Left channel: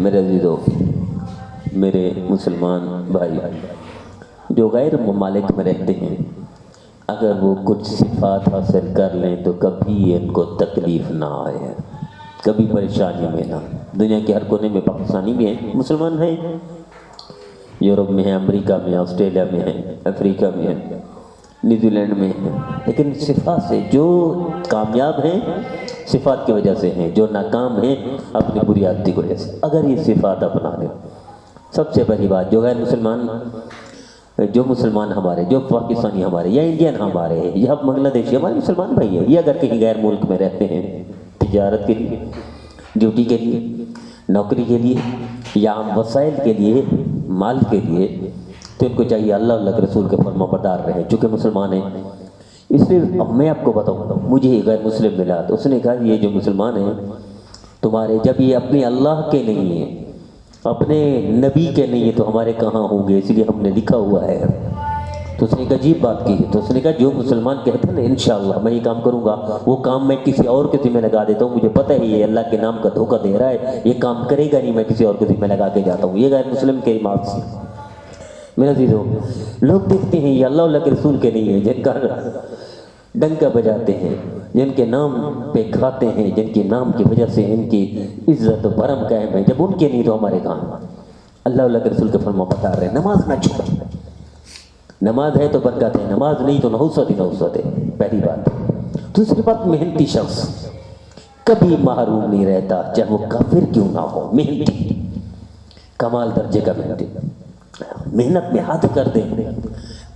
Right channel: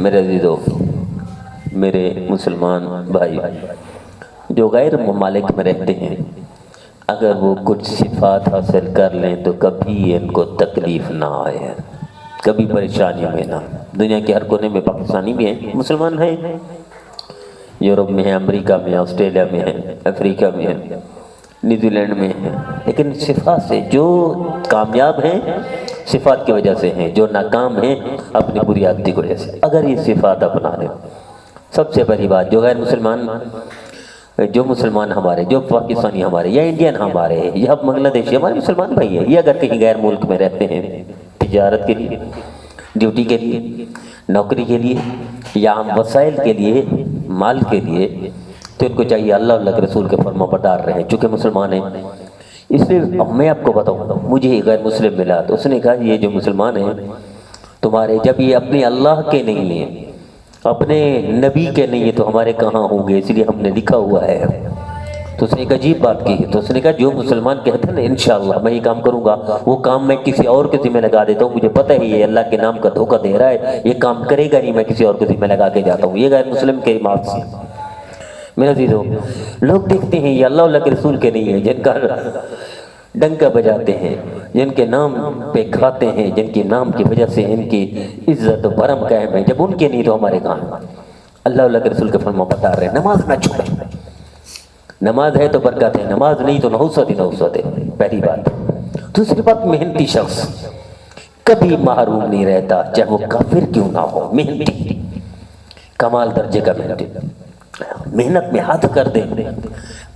میرے عزیزو، میرے مسلمان بھائی جو غیر ممالک میں رہتے ہیں، اگر وہ کچھ صفات حاصل کر لیں تو کبھی ان کو تکلیف نہ آئے، کبھی پریشانی میں نہ۔ دنیا کے ہر کونے میں پاکستانی بھی ہیں، مسلمان ہیں، یورپ میں ہیں، امریکہ میں ہیں، آسٹریلیا میں ہیں، افریقہ میں ہیں، نیوزی لینڈ میں ہیں، لیکن صفات سے جو کامیاب ہیں صفات کی وجہ سے ہیں، جو ناکام ہیں اپنی بری عادتی کی وجہ سے۔ اگر یہ صفات اپنا لیں، سب سے بڑی بات، جو غیر مسلمان، جو مسلمان ہمارے، جو پاکستانی ہمارے یا انڈین ہمارے یا بنگلہ دیشی ہمارے مسلمان بھائی ہیں، یہ اگر کہیں غیر ملک میں رہتے ہیں تجارت کے لیے، ڈیوٹی کے لیے، نوکری کے لیے یا عام وسائل کے لیے، مال کے لیے، تو ان کو چاہیے اللہ اللہ کے رسول کے فرما بردار رہیں، چونکہ مسلمان ہیں۔ اس لیے میں آپ کو بتاؤں، مجھے غیر مسلم ملا تو اس نے کہا یہ جو مسلمان ہیں تمہارے، جب یہ اپنے اللہ کے نہیں ہیں، اپنے نبی کے نہیں ہیں، تو ہمارے کہاں ہوں گے؟ اس لیے ہم نے لکھا ہوا ہے۔ تو اس نے ایک عجیب بات کی، تو اس نے کہا جو مسلمان کہتے ہیں نا انشاءاللہ میں یہ کام کروں گا، وہ کام میں کسی اور کے ذمہ لگا دیتا ہوں، مجھے پتہ ہے یہ اللہ کے نام کا دھوکہ دے رہا ہے، یہ کام کرے گا نہیں، میں کسی اور کے ذمہ لگا کے جاتا ہوں۔ یہ غیر مسلم کے بات سے میرے عزیزو، لوگ دیکھتے ہیں یہ اللہ کے رسول کے نہیں ہیں، جن کا ڈنکا بجاتے ہیں، جن کے نام پہ کھاتے ہیں، جن کے نام کی وجہ سے ان کی عزت و برم قائم ہے، جب ان کے نہیں تو ہمارے کہاں؟ اللہ کے رسول کے فرما بتا رہے ہیں نماز نہ چھوڑیں، نماز ہے تو برکت ہے، نماز نہیں تو نحوست ہی نحوست ہے، پہلی بات۔ دوسری بات، محنتی شخص کبھی محروم نہیں رہتا، چاہے وہ کافر کیوں نہ ہو، محنتی، کمال درجے کا محنتی، محنت میں ہاتھ کر دیں،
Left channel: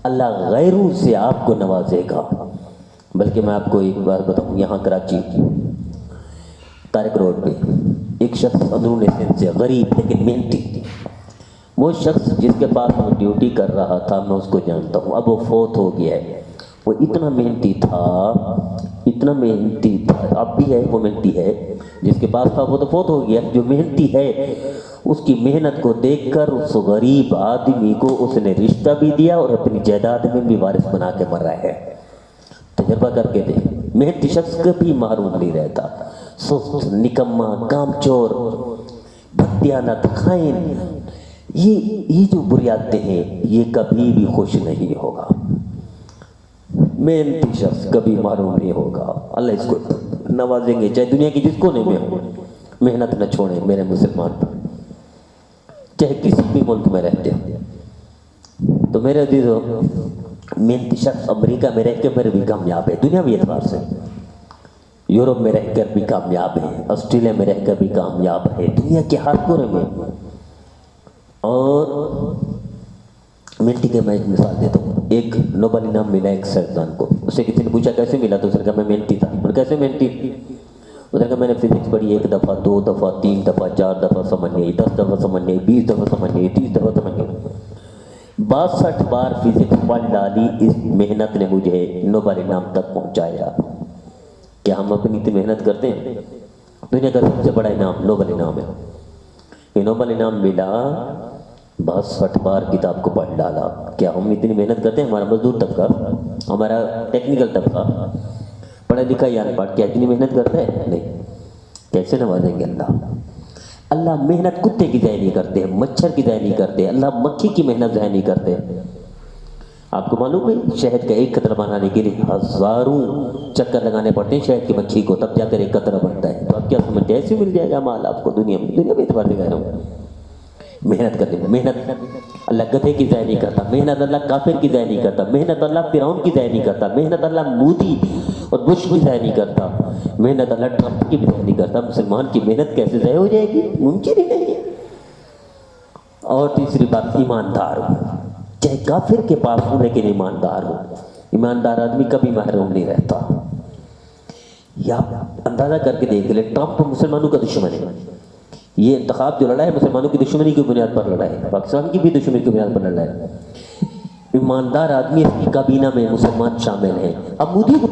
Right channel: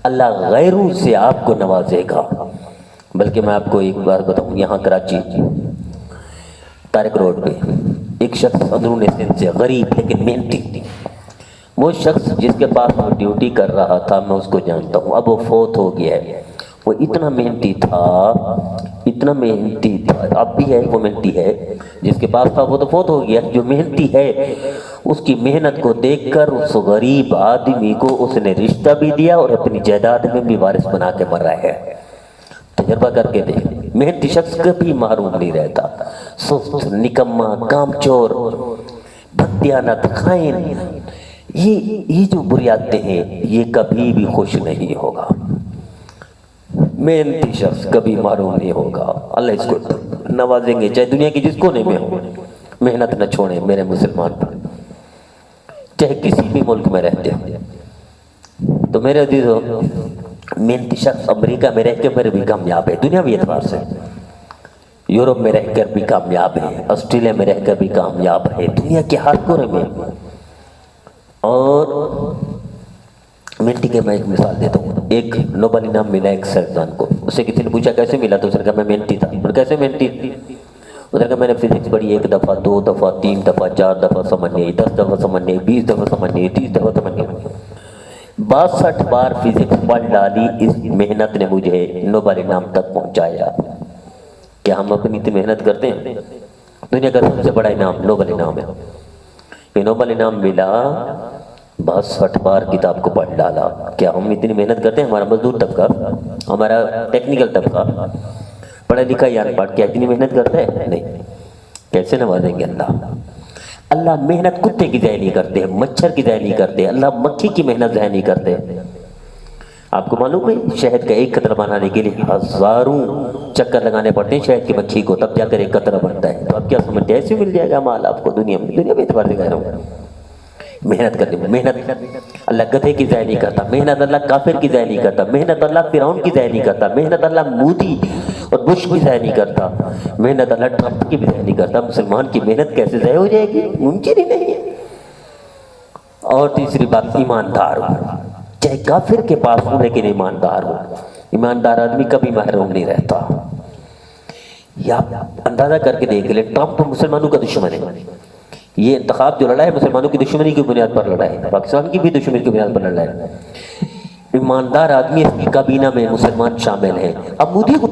اللہ غیروں سے آپ کو نوازے گا۔ بلکہ میں آپ کو ایک بار بتاؤں، یہاں کراچی طارق روڈ پہ ایک شخص اندرون سندھ سے، غریب لیکن محنتی، وہ شخص جس کے پاس وہ ڈیوٹی کر رہا تھا میں اس کو جانتا ہوں، اب وہ فوت ہو گیا ہے۔ وہ اتنا محنتی تھا، اتنا محنتی تھا، اب بھی ہے، وہ محنتی ہے، جس کے پاس تھا وہ تو فوت ہو گیا، جو محنتی ہے اس کی محنت کو دیکھ کر اس غریب آدمی کو اس نے رشتہ بھی دیا اور اپنی جائیداد میں بھی وارث بنا کے مر رہا ہے۔ تجربہ کر کے دیکھ، محنتی شخص کبھی محروم نہیں رہتا، سست، نکما، کام چور، بددیانت، خائن، یہ جو بری عادتیں ہیں یہ کبھی بھی خوش نہیں ہوگا۔ محنتی شخص کبھی محروم نہیں ہوگا، اللہ اس کو نوازیں گے، چاہے دنیا کی جس کونے میں ہو۔ محنت نہ چھوڑیں میرے مسلمان پر، چاہے کسی بھی ملک میں رہتے ہیں۔ تو میرے عزیزو، محنتی شخص امریکہ میں رہ کے میرے بھی کامیاب ہے، دنیاوی اعتبار سے، یورپ میں رہ کر بھی کامیاب ہے، آسٹریلیا میں رہ کر بھی کامیاب ہے، دنیا کے ہر کونے میں۔ اور محنتی کے میں ایک مثال دیتا ہوں، ایک نوبل انعام ملا ایک سائنسدان کو، اس سے کسی نے پوچھا کیسے ملا، تو اس نے کہا میں محنتی تھا۔ کیسے محنتی؟ اس نے کہا میں نے فزکس پڑھی، 1 دفعہ 2 دفعہ 3 دفعہ 4 دفعہ سمجھ نہیں آئی، 10 دفعہ سمجھ نہیں آئی، 20 دفعہ سمجھ نہیں آئی، 30 دفعہ سمجھ نہیں آئی، 62 بار فزکس پڑھ ڈالی، اس محنت نے مجھے نوبل انعام تک پہنچایا۔ کیا ہم اپنی اتنی محنت کرتے ہیں؟ دنیا کا سب سے بڑا انعام نوبل انعام ہے، یہ نوبل انعام ملا، 62 بار کتاب کو پڑھ ڈالا۔ کیا ہم اتنی محنت کرتے ہیں؟ ہمارا مزدور طبقہ، ہمارا ٹیکنیکل طبقہ، پڑھا لکھا یا ان پڑھ، کیا اتنی محنت کرتا ہے؟ نہیں۔ کیسے نوازیں گے اللہ؟ اللہ محنت کتے کی ضائع نہیں کرتے، مچھر کی ضائع نہیں کرتے، اللہ مکھی کی محنت ضائع نہیں کرتے۔ آپ کو معلوم ہے شہد کا ایک قطرہ بنانے کے لیے ہزاروں چکر لگانے پڑتے ہیں شہد کی مکھی کو، تب جا کر ایک قطرہ بنتا ہے۔ تو آپ کیا سمجھتے ہیں ایسے مل جائے گا مال آپ کو دنیا میں اعتبار سے کہہ رہا ہوں؟ محنت کرنے میں، محنت اللہ گدھے کی ضائع نہیں کرتا، محنت اللہ کافر کی ضائع نہیں کرتا، محنت اللہ فرعون کی ضائع نہیں کرتا، محنت اللہ مودی اور بش کی ضائع نہیں کرتا، محنت اللہ ٹرمپ کی بھی ضائع نہیں کرتا۔ مسلمان کی محنت کیسے ضائع ہو جائے گی؟ ممکن ہی نہیں ہے۔ اور تیسری بات، ایماندار ہو، چاہے کافر کے پاس ہو لیکن ایماندار ہو۔ ایماندار آدمی کبھی محروم نہیں رہتا۔ یا اندازہ کر کے دیکھ لیں، ٹرمپ تو مسلمانوں کا دشمن ہے، یہ انتخاب جو لڑا ہے مسلمانوں کی دشمنی کی بنیاد پر لڑا ہے، پاکستان کی بھی دشمنی کی بنیاد پر لڑا ہے۔ ایماندار آدمی اس کی کابینہ میں مسلمان شامل ہیں۔ اب مودی کو